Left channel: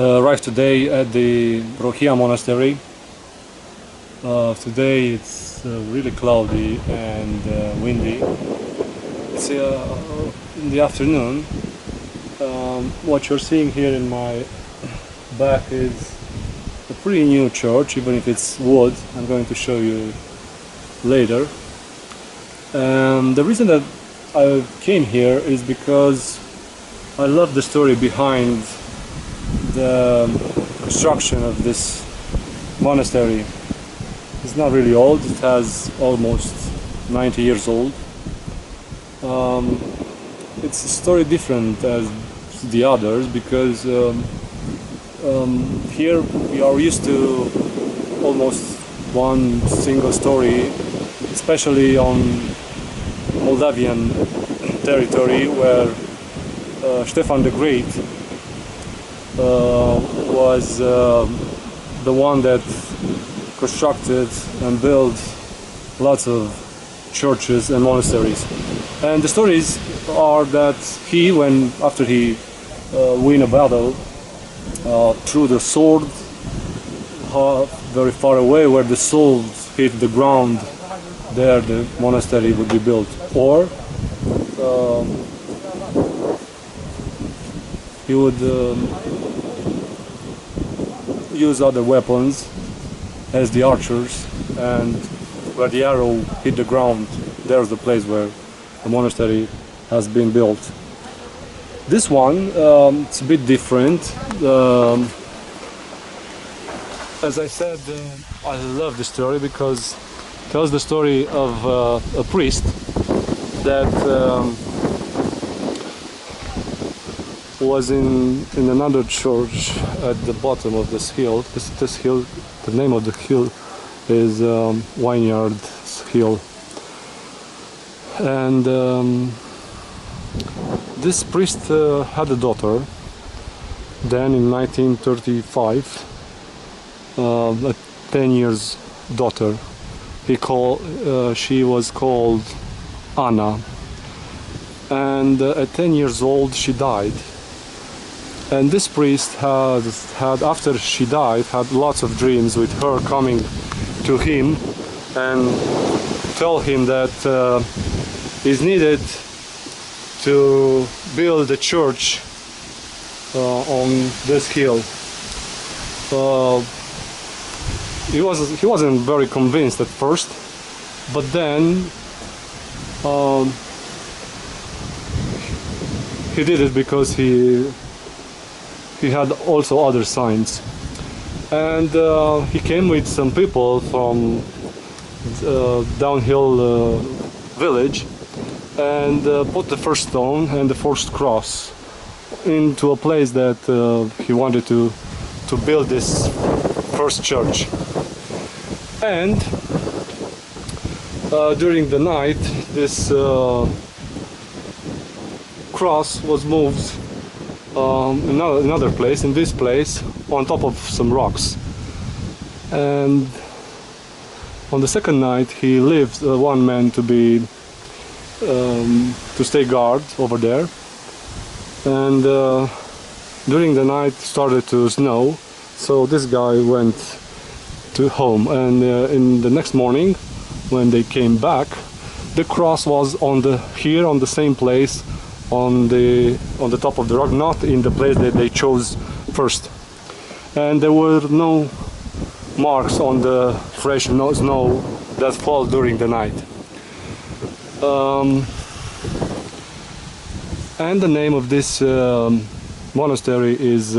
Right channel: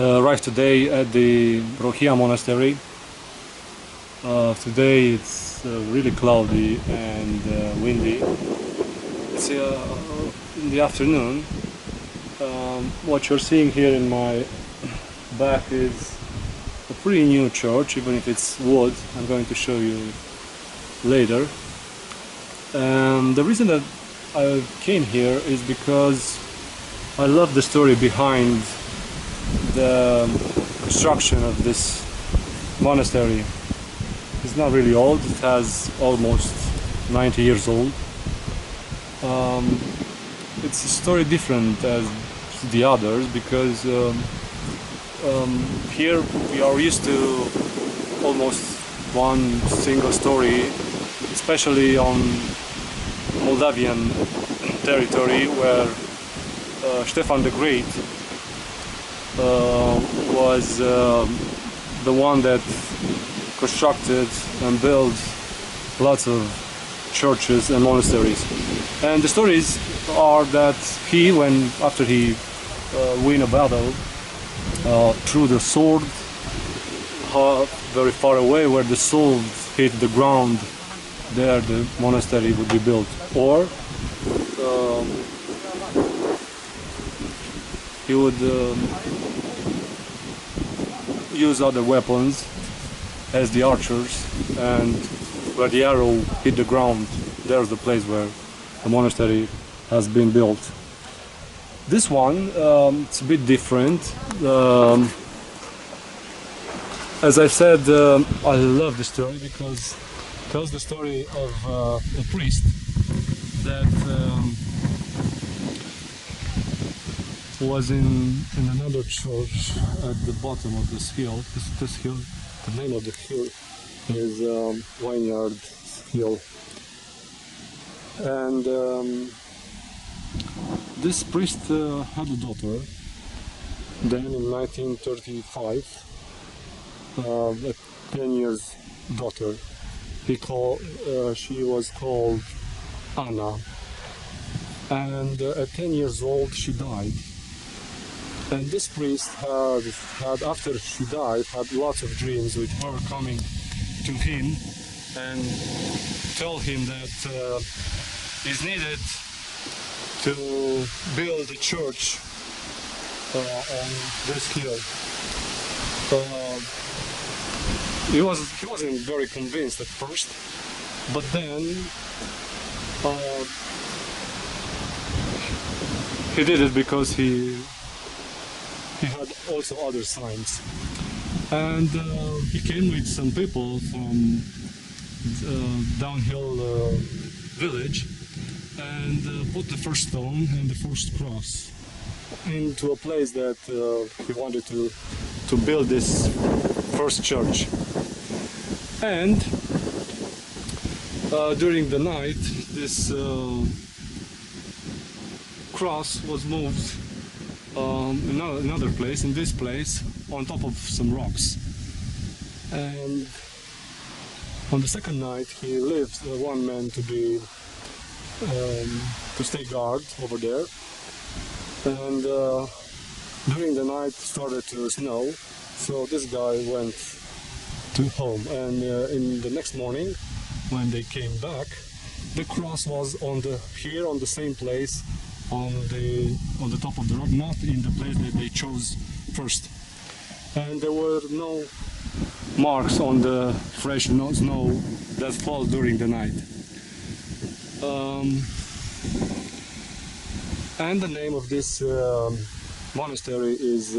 Arrived today at the Rohia monastery. Today it's really cloudy and windy. It's in the afternoon. What you're seeing here in my back is a pretty new church, even if it's wood. I'm going to show you later. The reason that I came here is because I love the story behind the construction of this monastery. It's not really old, it has almost 90 years old. It's a story different as the others because here we are used to almost one single story, especially on Moldavian territory, where Stefan the Great was the one that constructed and built lots of churches and monasteries. And the stories are that he, after he won a battle, threw the sword very far away, where the sword hit the ground. There the monastery would be built. Or he would use other weapons as the archers, and where the arrow hit the ground, there's the place where the monastery has been built. This one, it's a bit different. As I said, I love the story because it tells the story of a priest that was in another church at the bottom of this hill. This hill, the name of the hill is Vineyard Hill. And this priest had a daughter. Then in 1935, a 10 years daughter. She was called Anna. And at 10 years old she died. And this priest had, after she died, had lots of dreams with her coming to him and tell him that is needed to build a church on this hill. He wasn't very convinced at first, but then he did it because he had also other signs. And he came with some people from downhill village and put the first stone and the first cross into a place that he wanted to build this first church. And during the night, this cross was moved another place, in this place, on top of some rocks. And on the second night he left one man to stay guard over there. And during the night started to snow, so this guy went to home. And in the next morning, when they came back, the cross was on the same place, on the top of the rock, not in the place that they chose first. And there were no marks on the fresh snow that fell during the night. And the name of this monastery is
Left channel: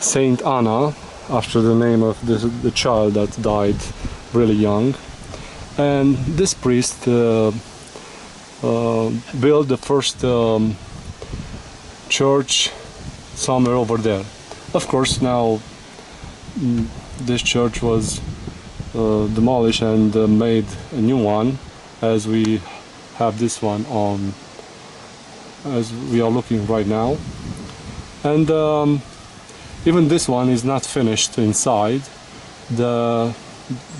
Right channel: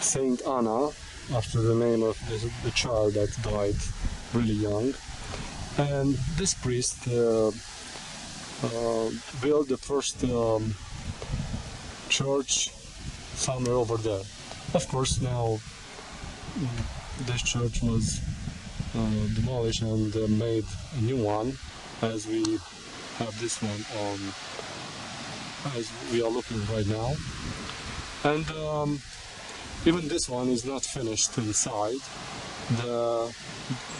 Saint Anna, after the name of the child that died really young. And this priest built the first church somewhere over there. Of course, now this church was demolished and made a new one, as we have this one on, as we are looking right now. And even this one is not finished inside. The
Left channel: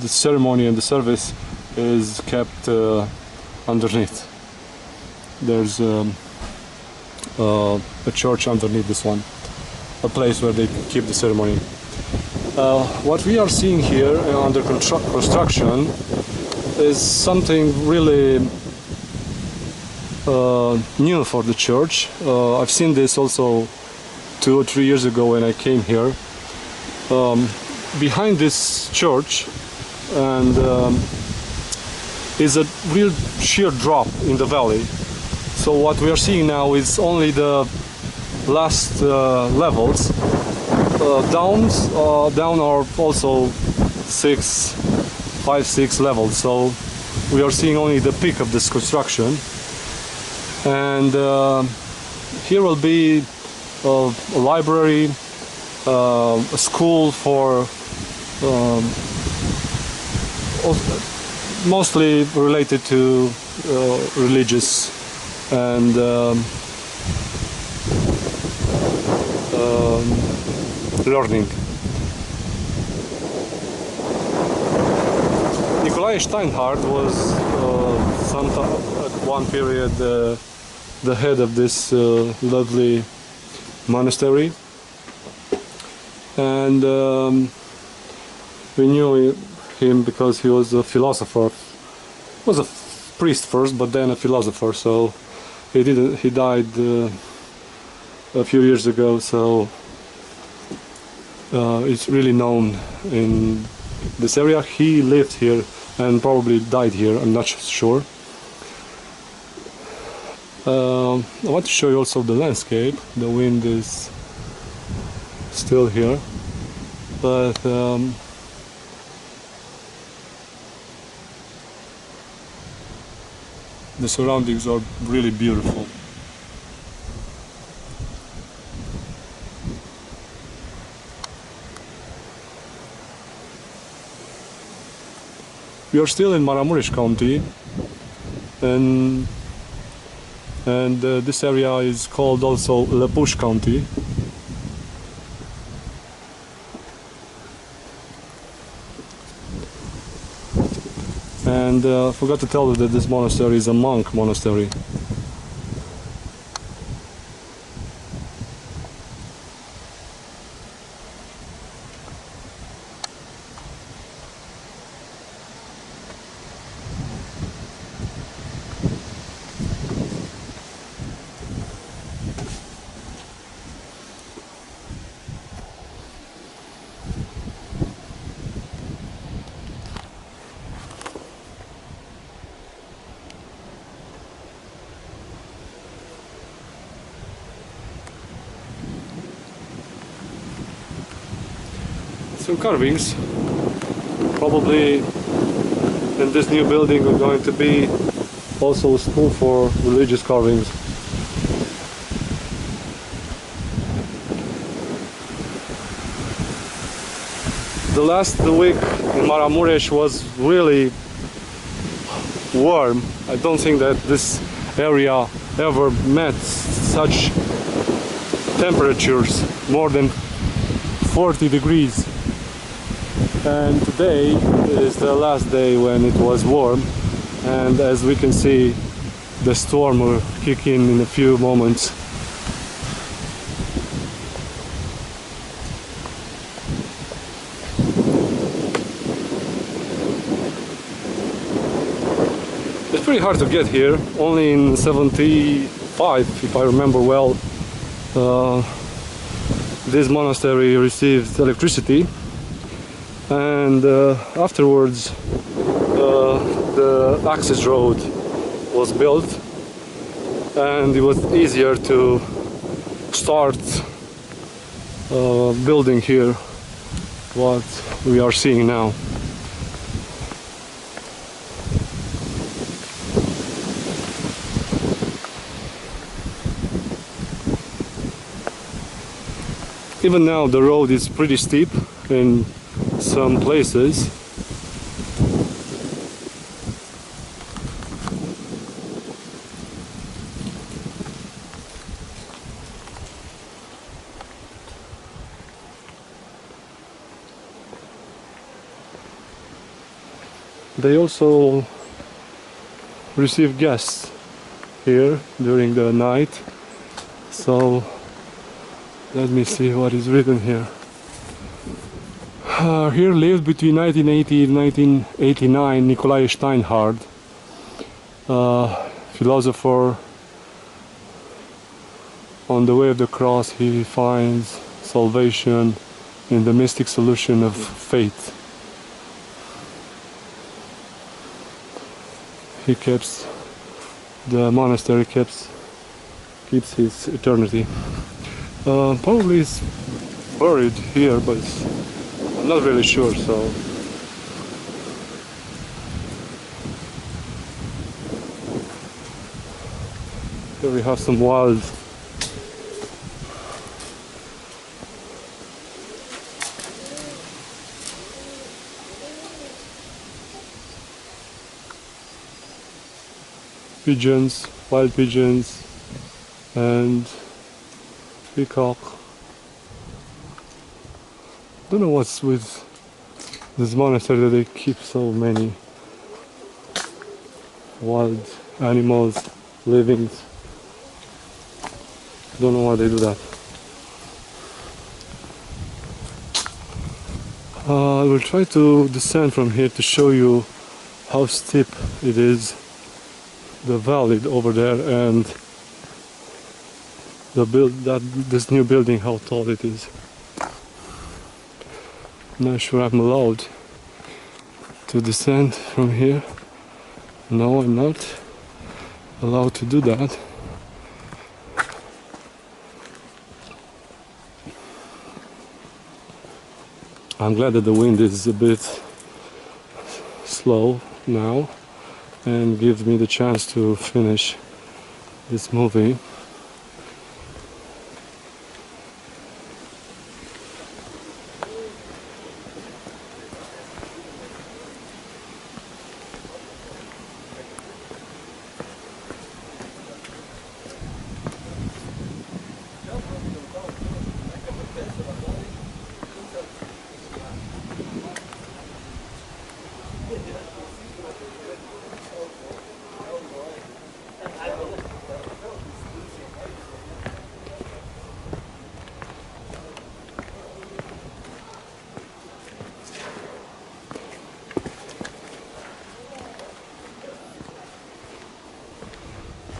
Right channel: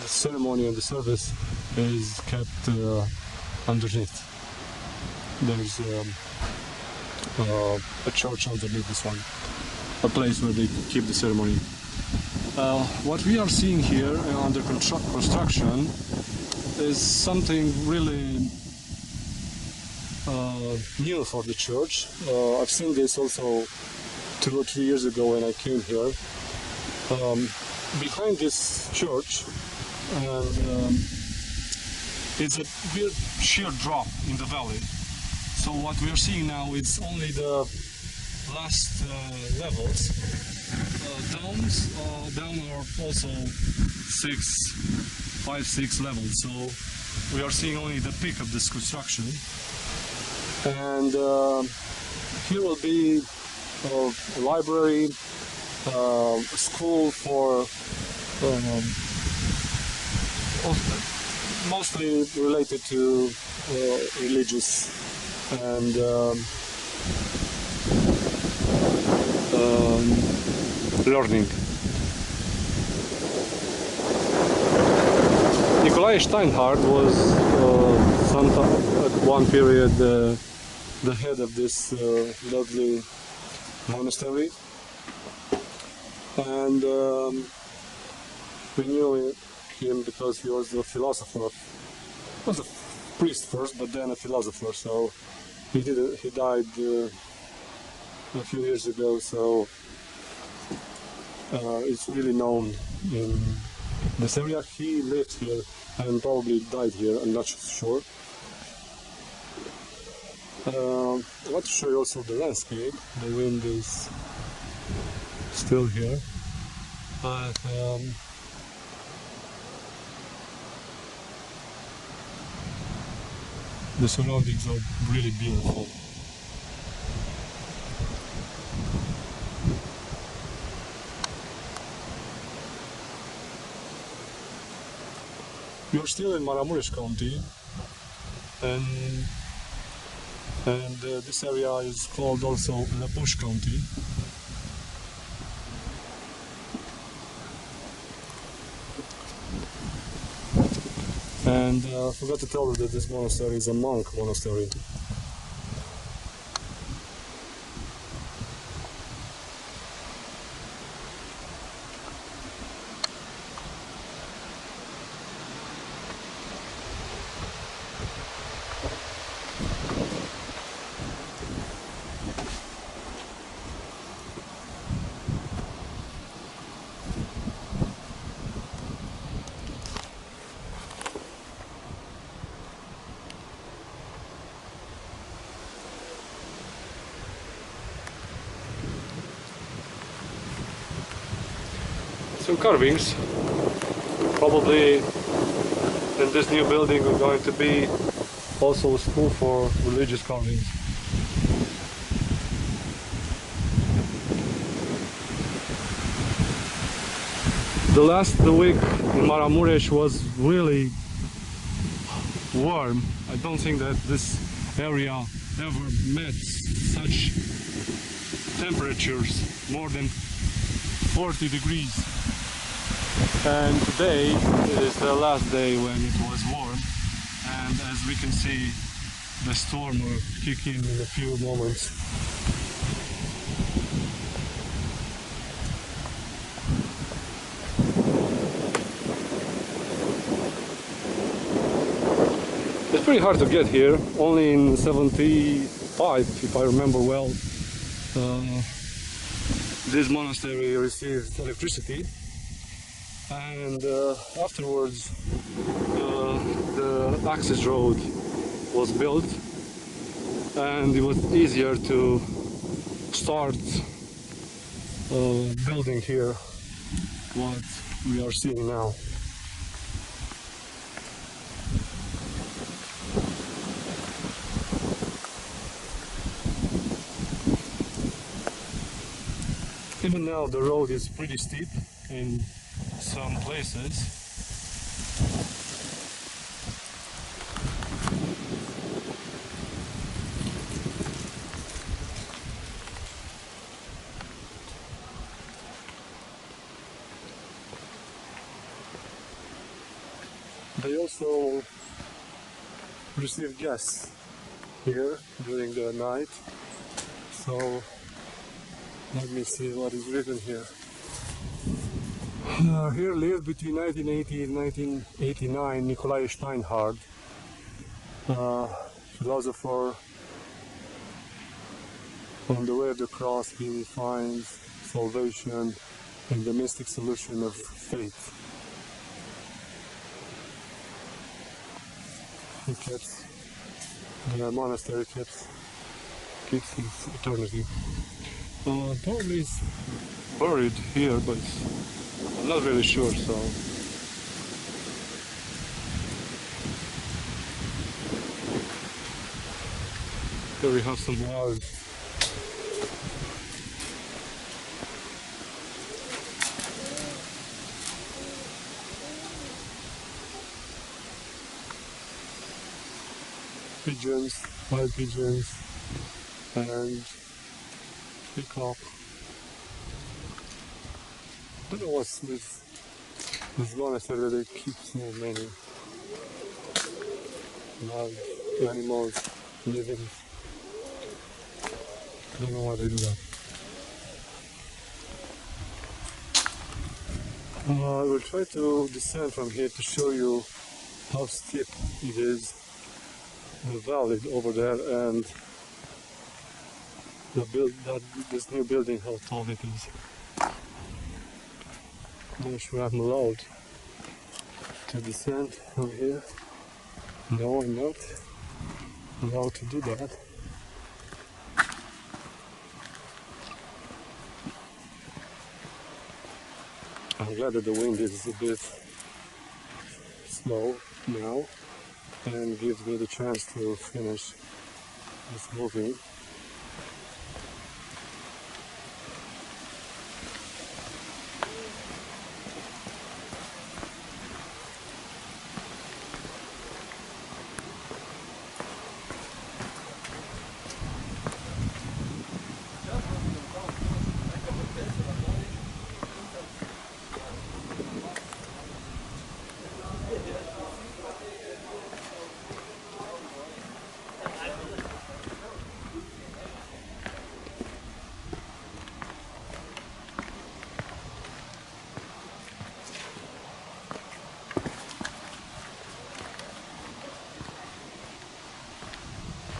ceremony and the service is kept underneath. There's a church underneath this one. a place where they keep the ceremony. What we are seeing here under construction is something really new for the church. I've seen this also 2 or 3 years ago when I came here. Behind this church and is a real sheer drop in the valley. So what we are seeing now is only the last levels. Down are also 5, 6 levels. So we are seeing only the peak of this construction. And here will be a library, a school for mostly related to religious and learning. Nikolai Steinhardt was at one period the head of this lovely monastery, and we knew him because he was a philosopher. He was a priest first, but then a philosopher. So he died a few years ago. So it's really known in this area. He lived here and probably died here. I'm not sure. I want to show you also the landscape. The wind is still here, but the surroundings are really beautiful. We are still in Maramuresh County, and this area is called also Lepush County. And I forgot to tell you that this monastery is a monk monastery. Some carvings. Probably in this new building are going to be also a school for religious carvings. The week in Maramuresh was really warm. I don't think that this area ever met such temperatures, more than 40 degrees. And today is the last day when it was warm, and as we can see, the storm will kick in a few moments. It's pretty hard to get here. Only in 75, if I remember well, this monastery received electricity, and afterwards the access road was built, and it was easier to start building here what we are seeing now. Even now the road is pretty steep in some places. They also receive guests here during the night, so Let me see what is written here. Here lived between 1980 and 1989 Nikolai Steinhardt, philosopher. On the way of the cross he finds salvation in the mystic solution of faith. The monastery keeps his eternity. Probably he's buried here, but I'm not really sure, so here we have some wild pigeons, wild pigeons, and peacock. Don't know what's with this monastery that they keep so many wild animals living. Don't know why they do that. I will try to descend from here to show you how steep it is, the valley over there, and this new building, how tall it is. Not sure I'm allowed to descend from here. No, I'm not allowed to do that. I'm glad that the wind is a bit slow now and gives me the chance to finish this movie.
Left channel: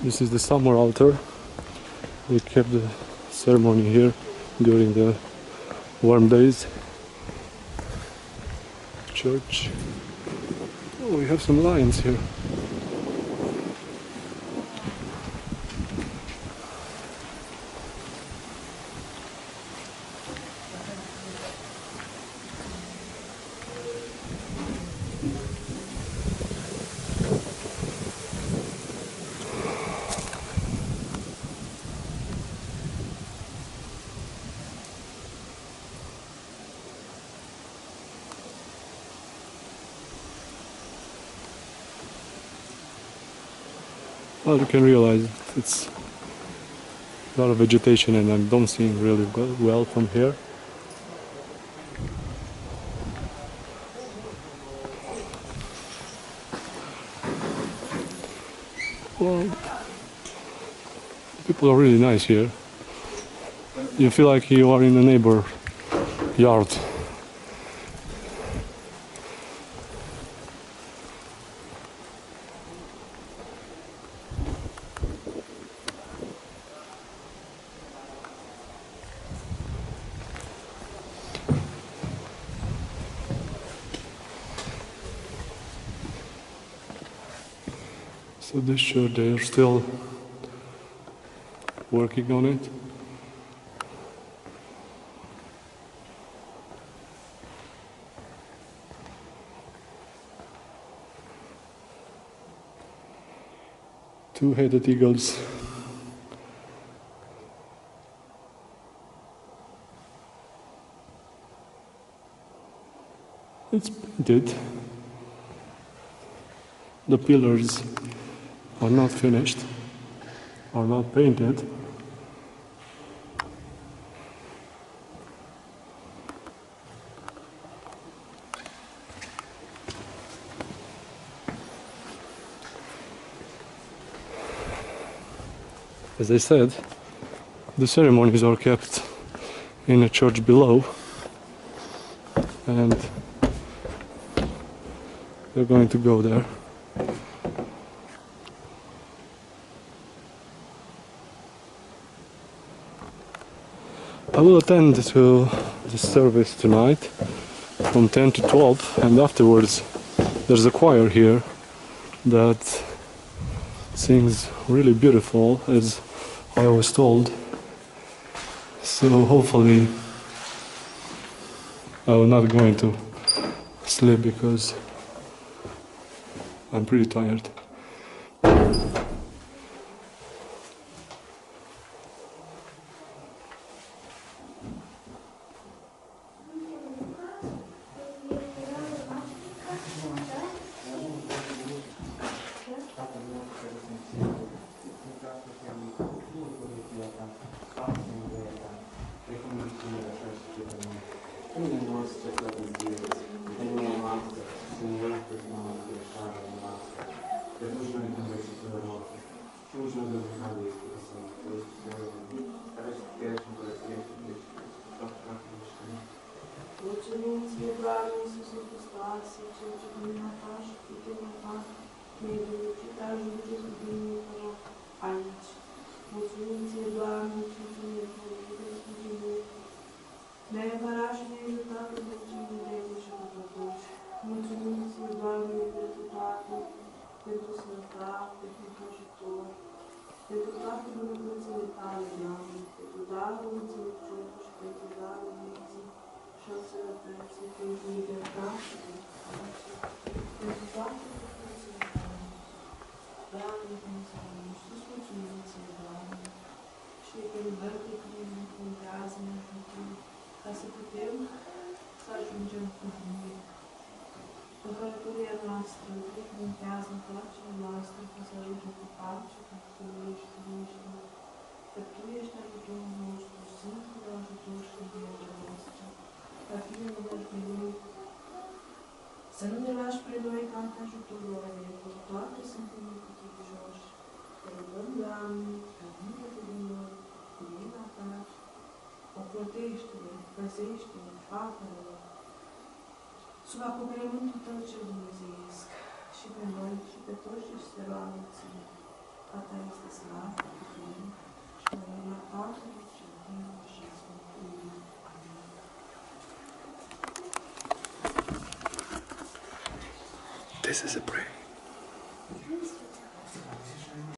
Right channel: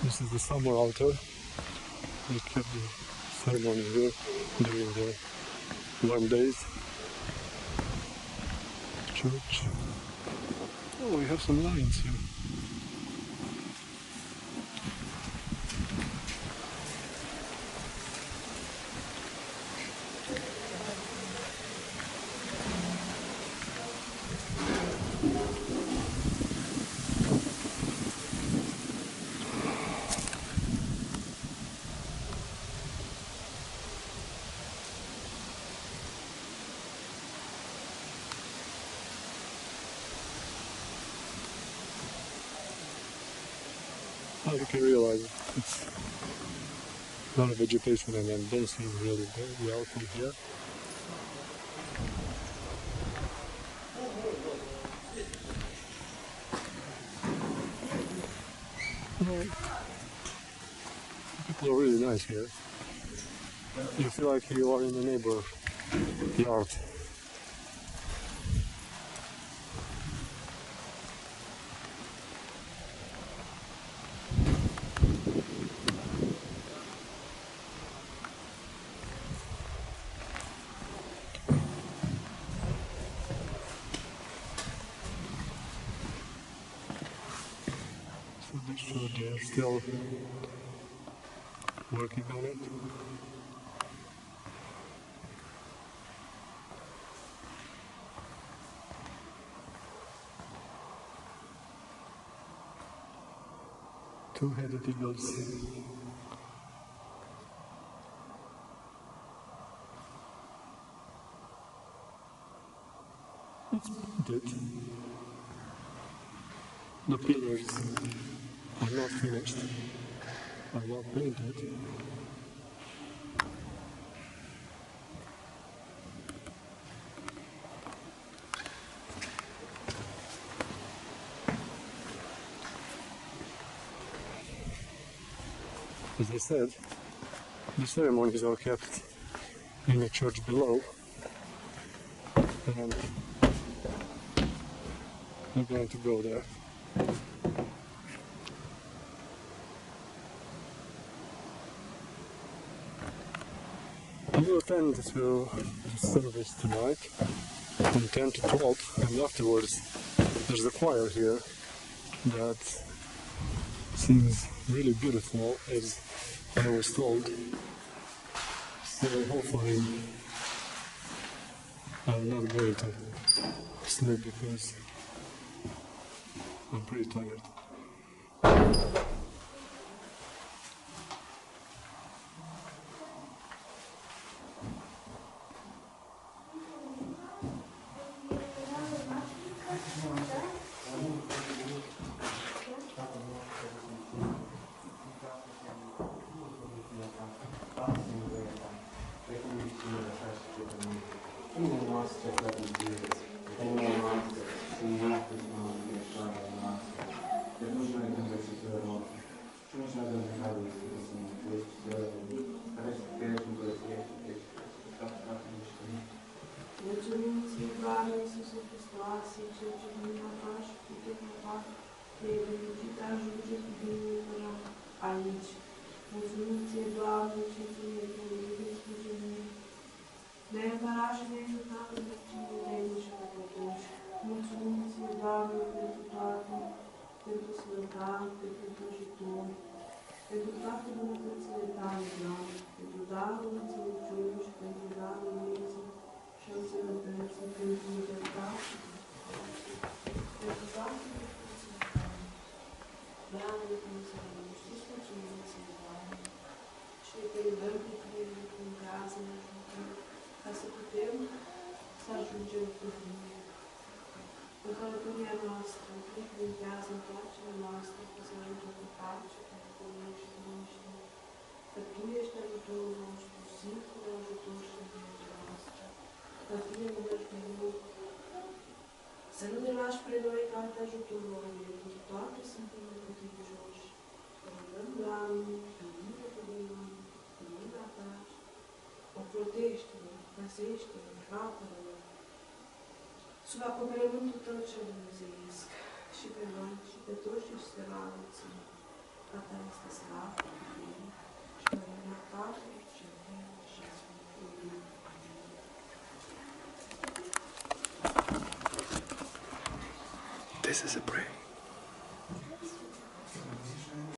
This is the summer altar. They kept the ceremony here during the warm days. Church. Oh, we have some lions here. Well, you can realize it's a lot of vegetation and I don't see really well from here. Well, people are really nice here. You feel like you are in a neighbor yard. So this show they're still working on it. Two-headed eagles. It's painted. The pillars are not finished, are not painted. As I said, the ceremonies are kept in a church below, and we're going to go there. I will attend to the service tonight from 10 to 12, and afterwards there's a choir here that sings really beautiful, as I was told. So hopefully I will not go into sleep because I'm pretty tired. Mulțumim ție, Doamne Iisuse Hristoase, Cel ce dumneata și puterea ta ne-ai reușit a ajunge cu bine până aici. Mulțumim ție, Doamne, Cel ce ne-ai părut cu bine. Ne-ai apărat și ne-ai ajutat în vecine de și păcătoși. Mulțumim ție, Doamne, pentru toate, pentru sănătate, pentru ajutor, pentru toate bunătățile tale, Doamne, pentru darul înțelepciunii și pentru darul vieții și al sănătății, pentru libertate, pentru toate bunătățile tale. Doamne, Dumnezeu nostru, îți mulțumim ție, Doamne, și te rugăm pe tine, ne încurajează, ne ajută, ca să putem să ajungem cu bine în călătoria noastră, binecuvântează întoarcerea noastră, ca să ajungem cu pace, ca Tu ești liniște, că Tu ești ajutorul nostru, singurul ajutor și învierea noastră. La Tine ne nădăjduim, să nu ne lași pre noi ca alte ajutoruri, pentru toate suntem neputincioși. Te rugăm, Doamne, că mine de noi, cu mila Ta, ocrotește-ne, păzește-ne, apără-ne, sub acoperământul Tău cel dumnezeiesc, și pe noi, și pe toți ce se roagă Ție. A Ta este slavă, putere, și mărirea Tatălui cel Viu și a Sfântului. Amin. This is a prayer.